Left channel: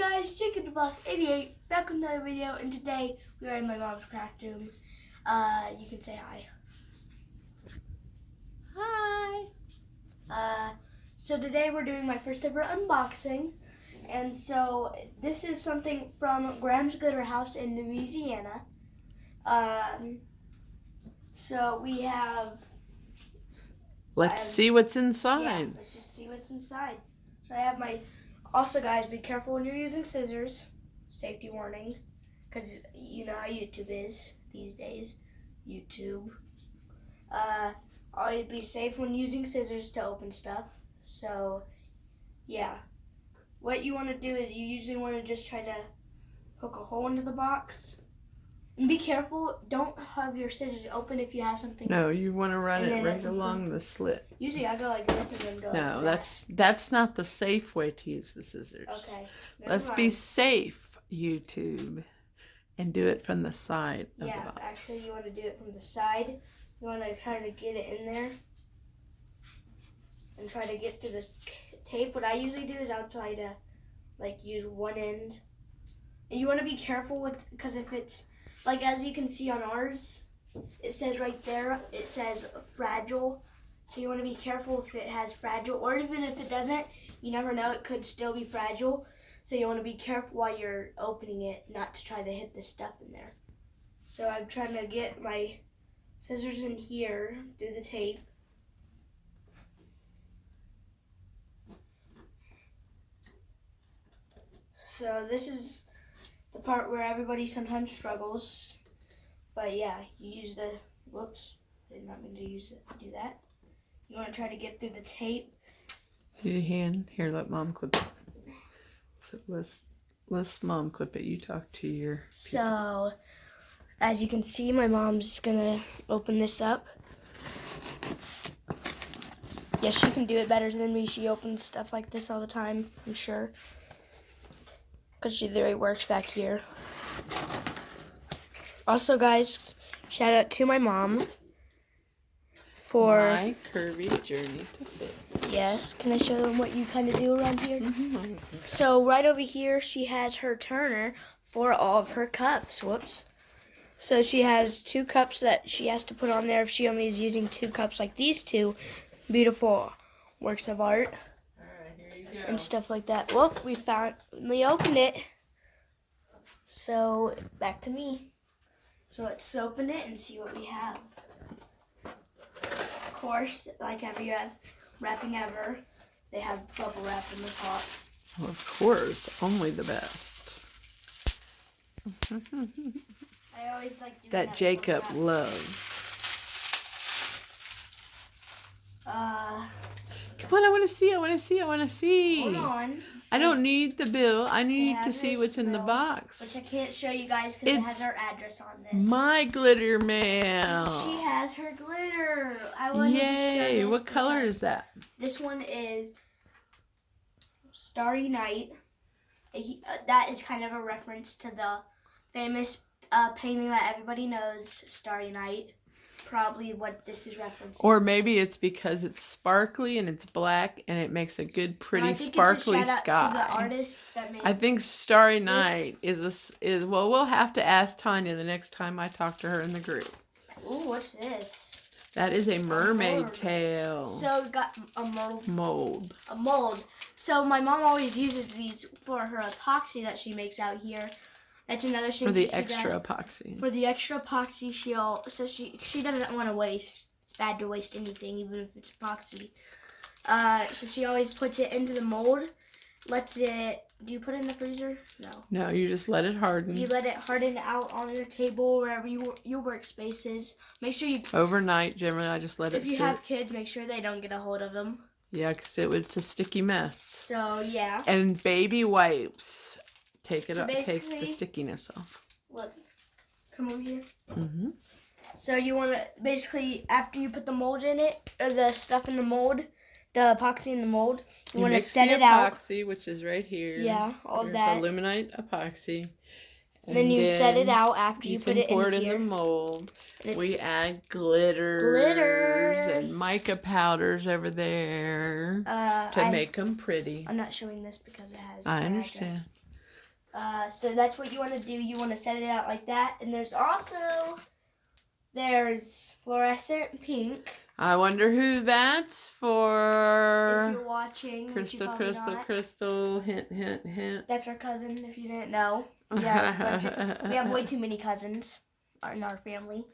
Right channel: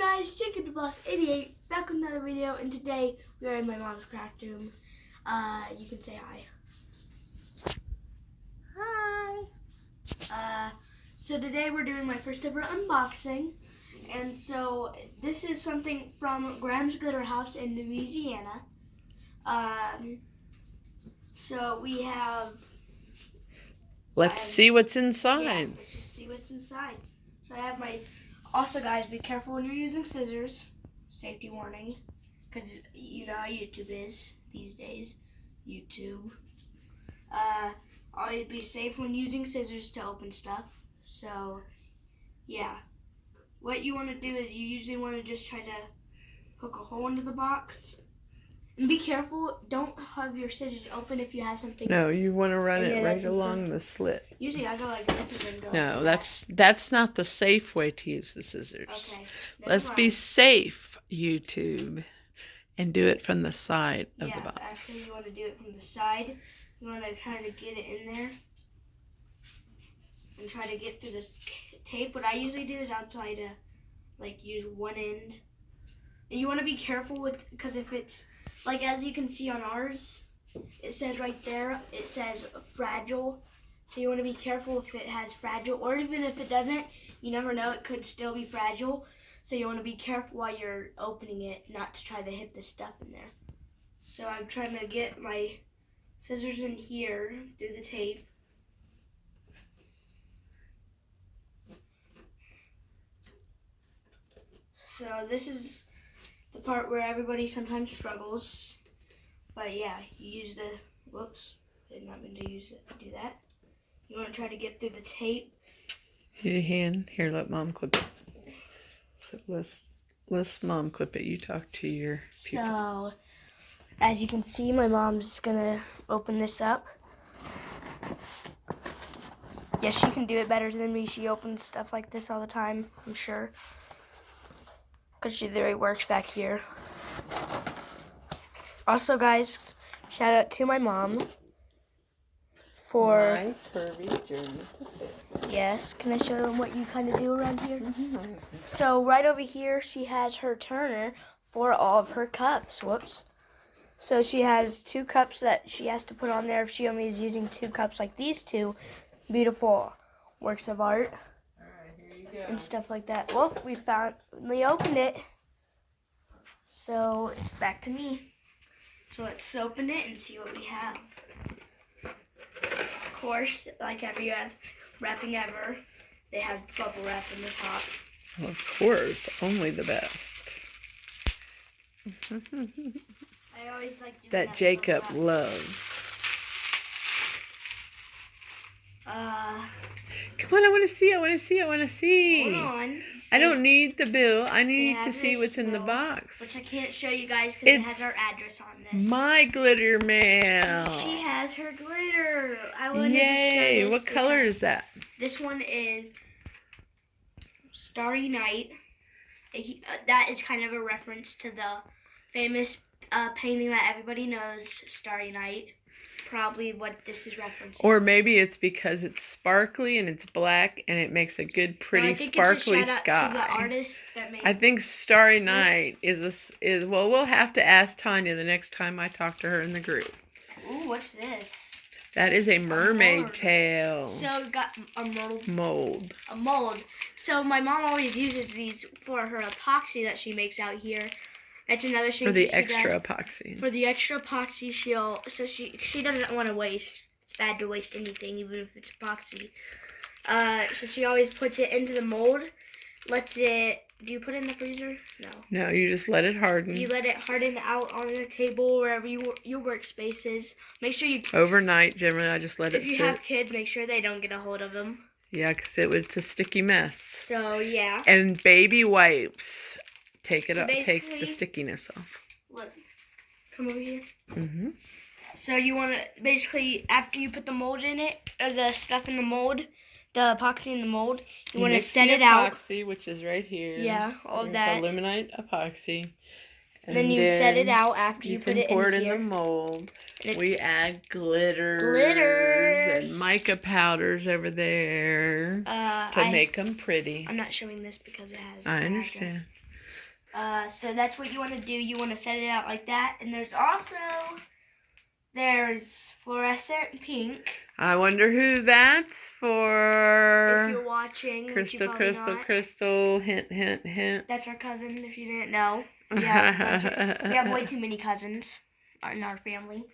guys, Jacob the Boss 88 back with another video, and today we are in my mom's craft room. You can say hi. Hi. So today we're doing my first ever unboxing, and so this is something from Graham's Glitter House in Louisiana. So we have. Let's see what's inside. Yeah, let's just see what's inside. So I have my. Also, guys, be careful when you're using scissors. Safety warning, because you know how YouTube is these days. YouTube. Always be safe when using scissors to open stuff. So, yeah. What you want to do is you usually want to just try to hook a hole into the box. And be careful, don't have your scissors open if you have something. No, you want to run it right along the slit. Usually I go like this and then go No, like that's not the safe way to use the scissors. Okay. Let's be safe, YouTube, and do it from the side of the box. Yeah, actually you want to do it from the side. You want to kind of get it in there and try to get through the tape. What I usually do is I'll try to like use one end. And you want to be careful with, because if it's like, as you can see on ours, it says right there, it says fragile. So you want to be careful if it has fragile, or even if it doesn't, you never know, it could still be fragile. So you want to be careful while you're opening it, not to try to hit the stuff in there. So I'm trying to get my scissors in here through the tape. So this is the part where everybody sometimes struggles. But yeah, you use the, whoops, I did not mean to do that. You want to try to get through the tape. Need a hand? Here, let Mom clip it. So let's Mom clip it. You talk to your people. So, as you can see, my mom's gonna open this up. Yeah, she can do it better than me. She opens stuff like this all the time, I'm sure. Because she literally works back here. Also, guys, shout out to my mom for My curvy journey to fit. Yes, can I show them what you kind of do around here? Mm-hmm. So right over here, she has her turner for all of her cups. Whoops. So she has 2 cups that she has to put on there if she only is using 2 cups like these 2 beautiful works of art. And stuff like that. Well, we opened it. So, back to me. So, let's open it and see what we have. Of course, like every wrapping ever, they have bubble wrap in the top. Well, of course, only the best. I always like doing that Jacob loves. Come on, I want to see. Hold on. I don't need the bill. I need to see what's in the box. Which I can't show you guys because it has our address on this. My glitter mail. She has her glitter. I wanted Yay. to show this. What color is that? This one is Starry Night. That is kind of a reference to the famous painting that everybody knows, Starry Night. Probably what this is referencing. Or maybe it's because it's sparkly and it's black and it makes a good, pretty, sparkly sky. To the artist that made I think Starry Night is well, we'll have to ask Tanya the next time I talk to her in the group. Ooh, what's this? That is a mermaid tail. So we got a mold. A mold. So my mom always uses these for her epoxy that she makes out here. That's another thing. For the extra epoxy. For the extra epoxy, she doesn't want to waste. It's bad to waste anything, even if it's epoxy. So she always puts it into the mold. Lets it. Do you put it in the freezer? No. No, you just let it harden. You let it harden out on your table, wherever your workspace is. Make sure you. Overnight, generally, I just let it sit. If you have kids, make sure they don't get a hold of them. Yeah, because it's a sticky mess. So yeah. And baby wipes. Take the stickiness off. Look, come over here. Mm-hmm. So you want to, basically, after you put the mold in it, or the stuff in the mold, the epoxy in the mold, you want to set it out. Epoxy, which is right here. Yeah, all that. Aluminite epoxy. And then you set it out after you put it in here. pour it in the mold. We add glitters and mica powders over there to make them pretty. I'm not showing this because it has. I understand. So that's what you want to do. You want to set it out like that. And there's fluorescent pink. I wonder who that's for. If you're watching, Crystal. Hint. That's our cousin. If you didn't know, we have way too many cousins in our family.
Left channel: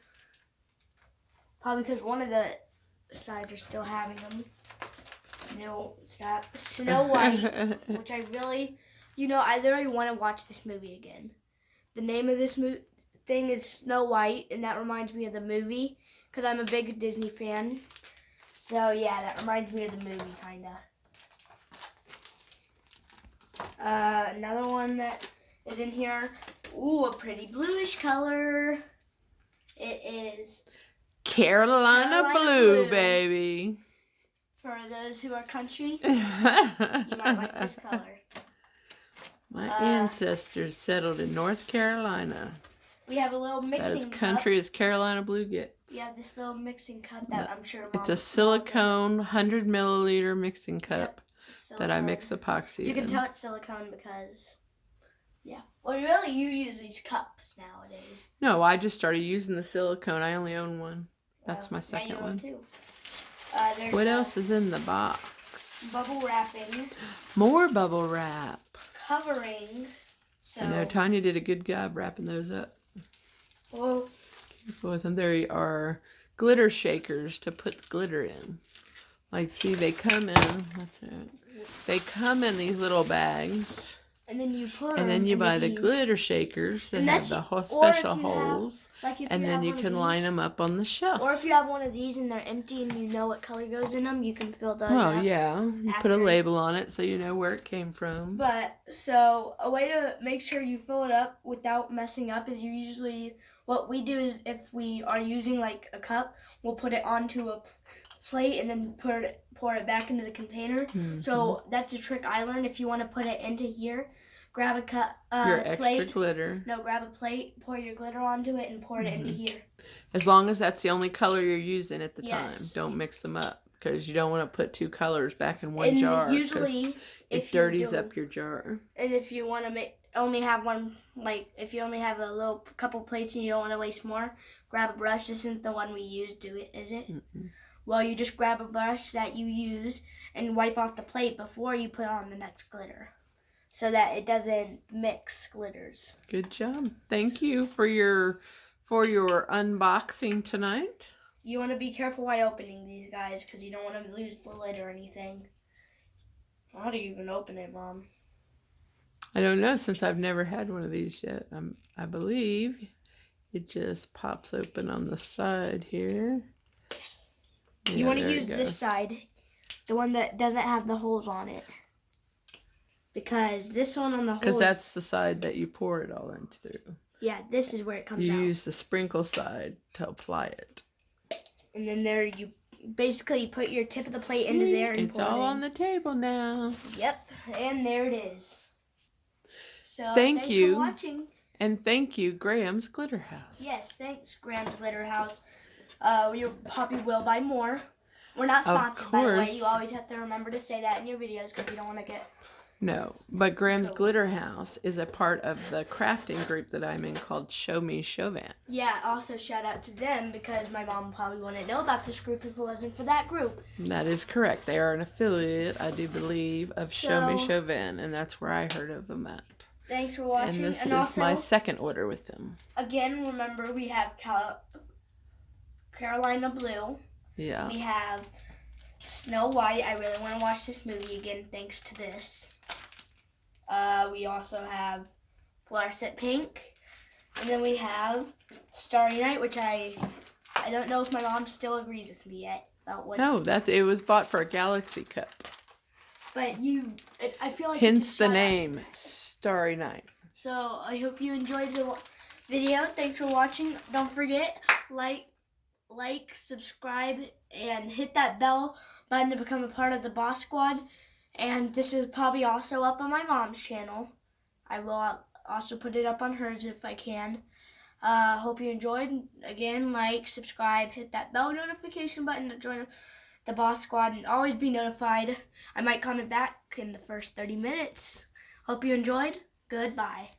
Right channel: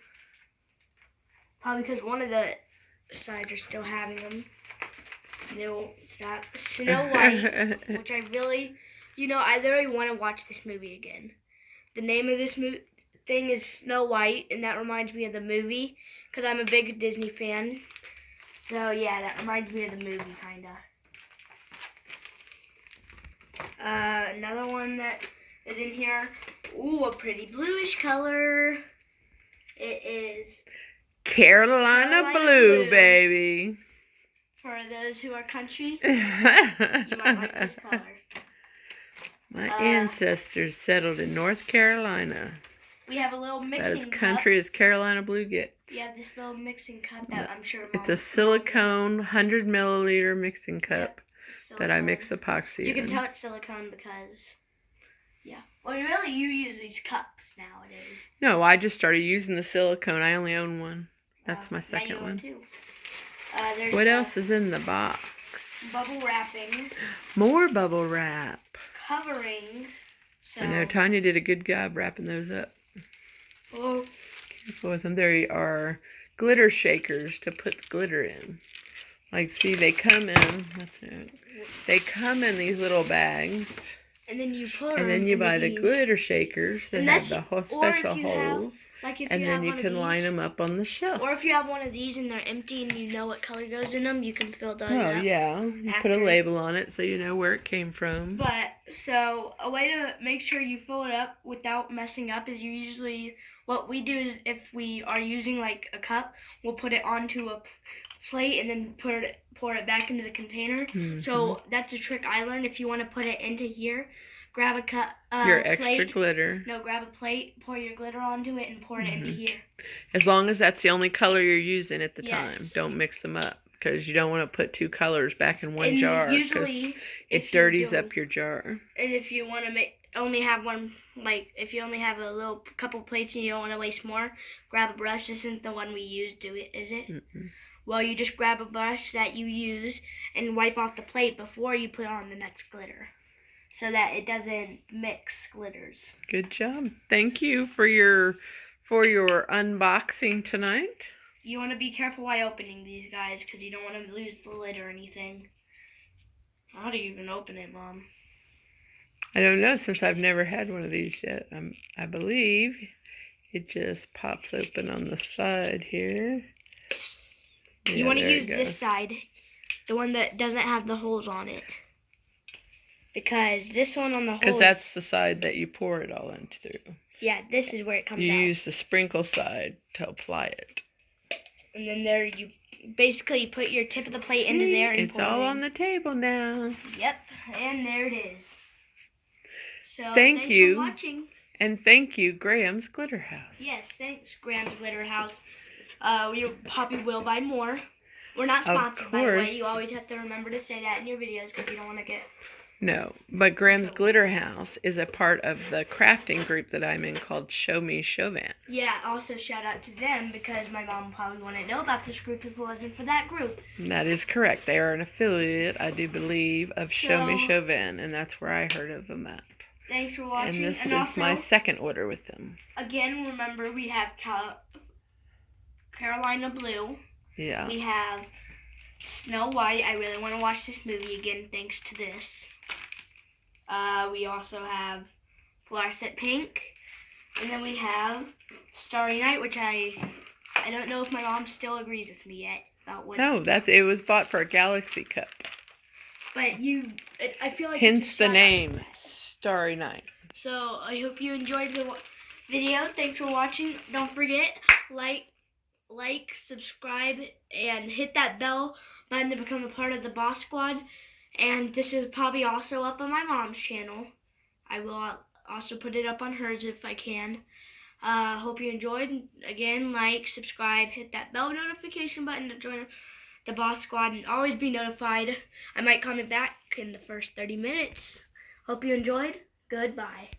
Probably because one of the sides are still having them. No, stop. Snow White, which I really want to watch this movie again. The name of this thing is Snow White, and that reminds me of the movie because I'm a big Disney fan. So yeah, that reminds me of the movie, kinda. Another one that is in here. Ooh, a pretty bluish color. It is Carolina Blue, baby. For those who are country, you might like this color. My ancestors settled in North Carolina. We have a little mixing cup. About as country as Carolina Blue gets. We have this little mixing cup that I'm sure it's a silicone 100 milliliter mixing cup that I mix epoxy in. You can tell it's silicone because, yeah. Well, really, you use these cups nowadays. No, I just started using the silicone. I only own one. That's my second one. Too. What else is in the box? Bubble wrapping. More bubble wrap. Covering. So. I know Tanya did a good job wrapping those up. Oh. Careful with them. There are glitter shakers to put the glitter in. Like, see, they come in. That's it. They come in these little bags. And then you put them. And then you buy the glitter shakers that have the whole special holes. And then you can line them up on the shelf. Or if you have one of these and they're empty and you know what color goes in them, you can fill those up. Oh, yeah. You put a label on it so you know where it came from. But, so, a way to make sure you fill it up without messing up is what we do is if we are using like a cup, we'll put it onto a plate and then pour it back into the container. Mm-hmm. So that's a trick I learned. If you want to put it into here, grab a cup. Your extra glitter. No, grab a plate, pour your glitter onto it, and pour it into here. As long as that's the only color you're using at the time. Don't mix them up because you don't want to put two colors back in one jar. Usually, it dirties up your jar. And if you want to only have one, like if you only have a couple plates and you don't want to waste more, grab a brush. This isn't the one we use, is it? Mm-mm. Well, you just grab a brush that you use and wipe off the plate before you put on the next glitter, so that it doesn't mix glitters. Good job. Thank you for your unboxing tonight. You want to be careful while opening these, guys, because you don't want to lose the lid or anything. How do you even open it, Mom? I don't know, since I've never had one of these yet. I believe it just pops open on the side here. You want to use this side, the one that doesn't have the holes on it. Because this one on the holes... Because that's the side that you pour it all in through. Yeah, this is where it comes out. You use the sprinkle side to apply it. And then there you basically put your tip of the plate into there and it's all on the table now. Yep, and there it is. So thanks for watching. And thank you, Graham's Glitter House. Yes, thanks, Graham's Glitter House. We probably will buy more. We're not sponsored, by the way. You always have to remember to say that in your videos because you don't want to get... No, but Graham's Glitter House is a part of the crafting group that I'm in called Show Me Chauvin. Yeah, also shout out to them because my mom probably wouldn't know about this group if it wasn't for that group. That is correct. They are an affiliate, I do believe, of Show Me Chauvin, and that's where I heard of them at. Thanks for watching. And this is also, my second order with them. Again, remember we have Carolina Blue. Yeah. We have Snow White. I really want to watch this movie again thanks to this. We also have Fluorescent Pink. And then we have Starry Night, which I don't know if my mom still agrees with me yet. About what. No, it was bought for a Galaxy Cup. But I feel like hence the name, Starry Night. So I hope you enjoyed the video. Thanks for watching. Don't forget, like, subscribe, and hit that bell button to become a part of the Boss Squad. And this is probably also up on my mom's channel. I will also put it up on hers if I can. Hope you enjoyed. Again, like, subscribe, hit that bell notification button to join the Boss Squad and always be notified. I might comment back in the first 30 minutes. Hope you enjoyed. Goodbye.